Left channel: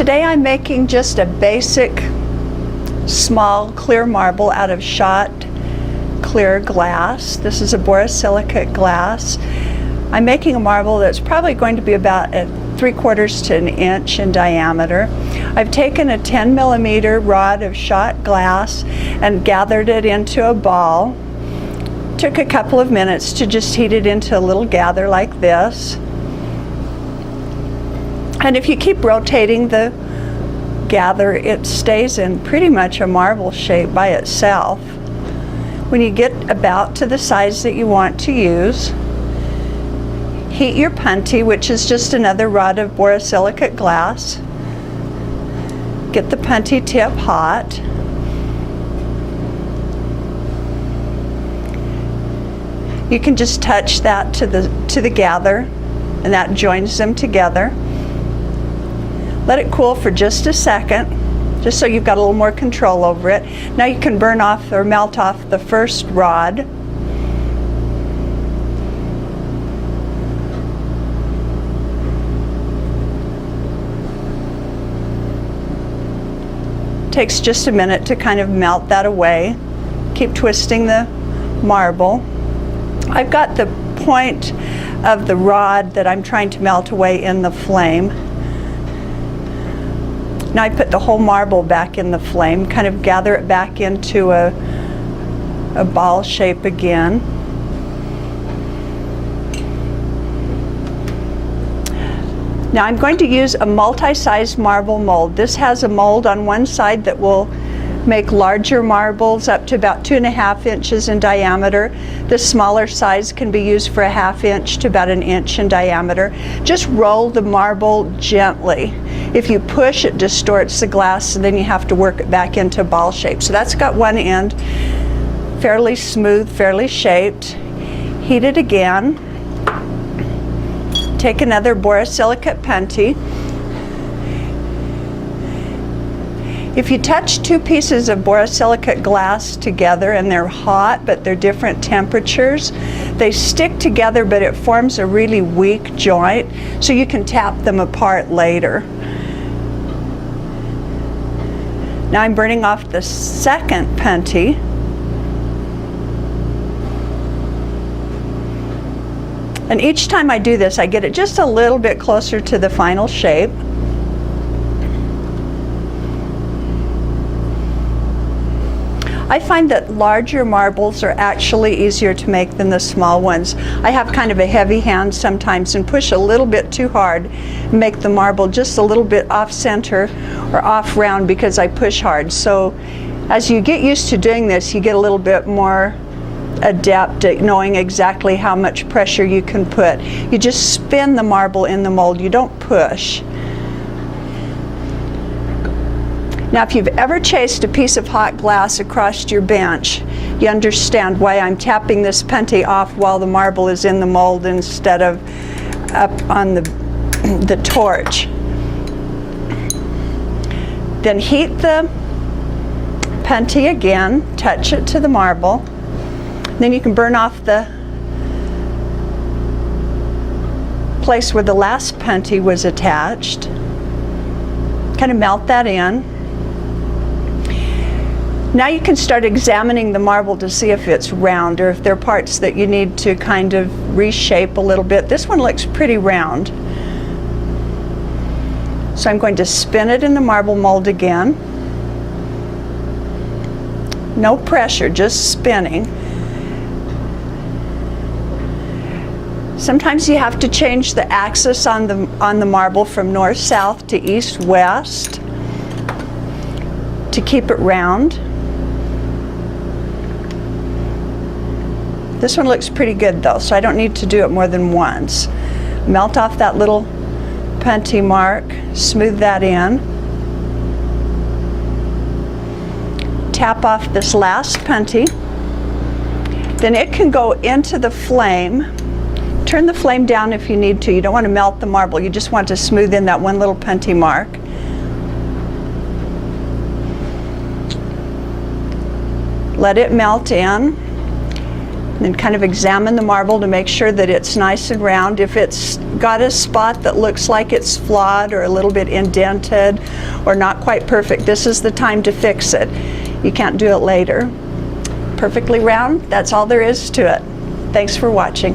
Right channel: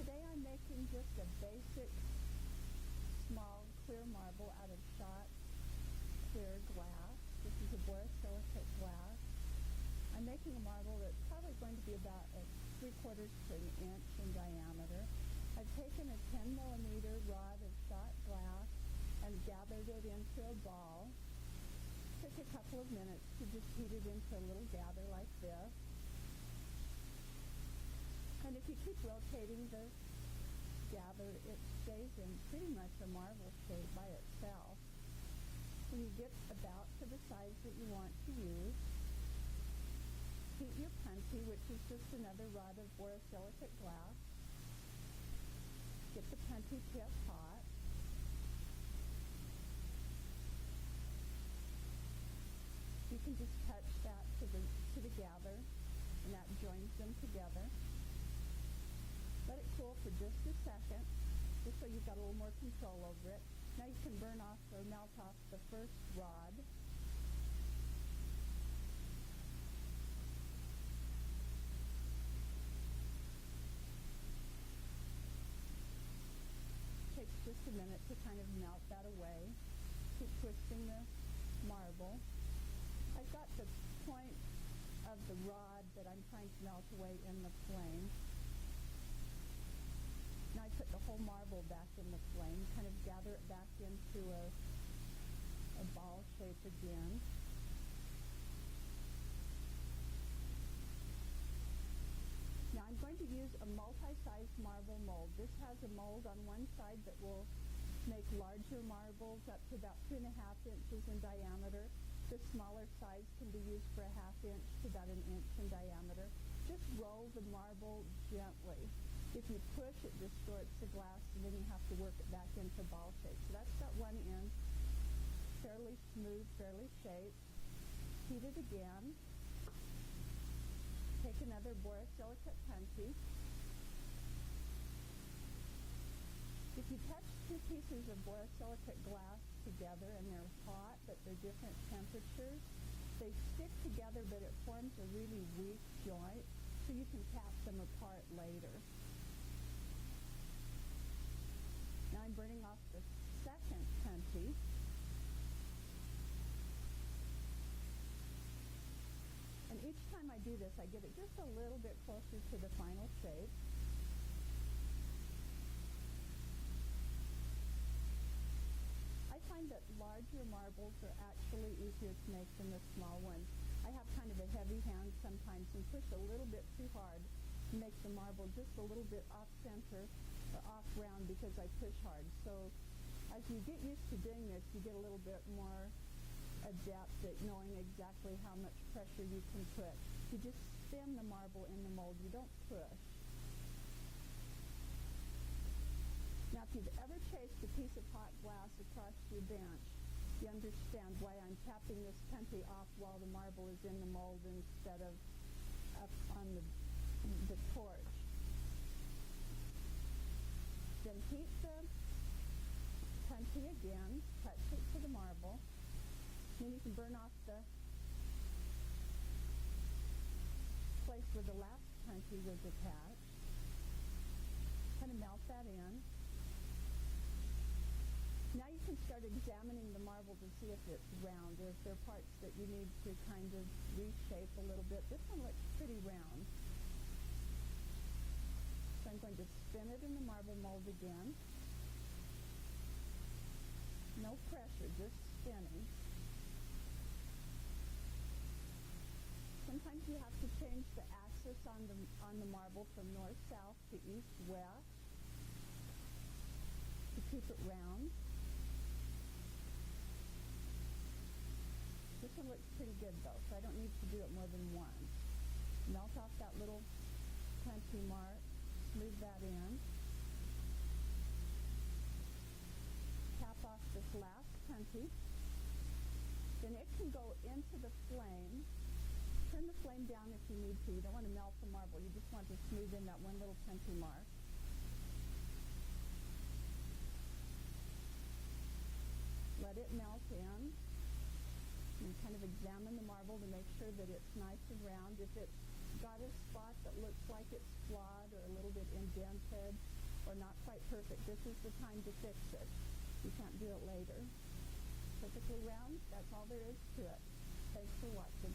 Today I'm making just a basic small clear marble out of Schott clear glass. This is a borosilicate glass. I'm making a marble that's probably going to be about 3/4 to an inch in diameter. I've taken a 10mm rod of Schott glass and gathered it into a ball. Took a couple of minutes to just heat it into a little gather like this. And if you keep rotating the gather, it stays in pretty much a marble shape by itself. When you get about to the size that you want to use, heat your punty, which is just another rod of borosilicate glass. Get the punty tip hot. You can just touch that to the gather, and that joins them together. Let it cool for just a second, just so you've got a little more control over it. Now you can burn off or melt off the first rod. Takes just a minute to kind of melt that away. Keep twisting the marble. I've got the point of the rod that I'm trying to melt away in the flame. Now I put the whole marble back in the flame, kind of gather it back into a ball shape again. Now I'm going to use a multi-sized marble mold. This has a mold on one side that will make larger marbles up to about 2.5 inches in diameter. The smaller size can be used for 1/2 inch to about 1 inch in diameter. Just roll the marble gently. If you push, it distorts the glass, and then you have to work it back into ball shape. So that's got one end, fairly smooth, fairly shaped. Heat it again. Take another borosilicate punty. If you touch two pieces of borosilicate glass together and they're hot, but they're different temperatures, they stick together, but it forms a really weak joint, so you can tap them apart later. Now I'm burning off the second punty. And each time I do this, I get it just a little bit closer to the final shape. I find that larger marbles are actually easier to make than the small ones. I have kind of a heavy hand sometimes and push a little bit too hard and make the marble just a little bit off center or off round because I push hard. So as you get used to doing this, you get a little bit more adept at knowing exactly how much pressure you can put. You just spin the marble in the mold, you don't push. Now, if you've ever chased a piece of hot glass across your bench, you understand why I'm tapping this punty off while the marble is in the mold instead of up on the torch. Then heat the punty again, touch it to the marble. Then you can burn off the place where the last punty was attached. Kind of melt that in. Now you can start examining the marble to see if it's round or if there are parts that you need to kind of reshape a little bit. This one looks pretty round. So I'm going to spin it in the marble mold again. No pressure, just spinning. Sometimes you have to change the axis on the marble from north-south to east-west to keep it round. This one looks pretty good though, so I don't need to do it more than once. Melt off that little punty mark, smooth that in. Tap off this last punty. Then it can go into the flame. Turn the flame down if you need to. You don't want to melt the marble, you just want to smooth in that one little punty mark. Let it melt in. Then kind of examine the marble to make sure that it's nice and round. If it's got a spot that looks like it's flawed or a little bit indented or not quite perfect, this is the time to fix it. You can't do it later. Perfectly round, that's all there is to it. Thanks for watching.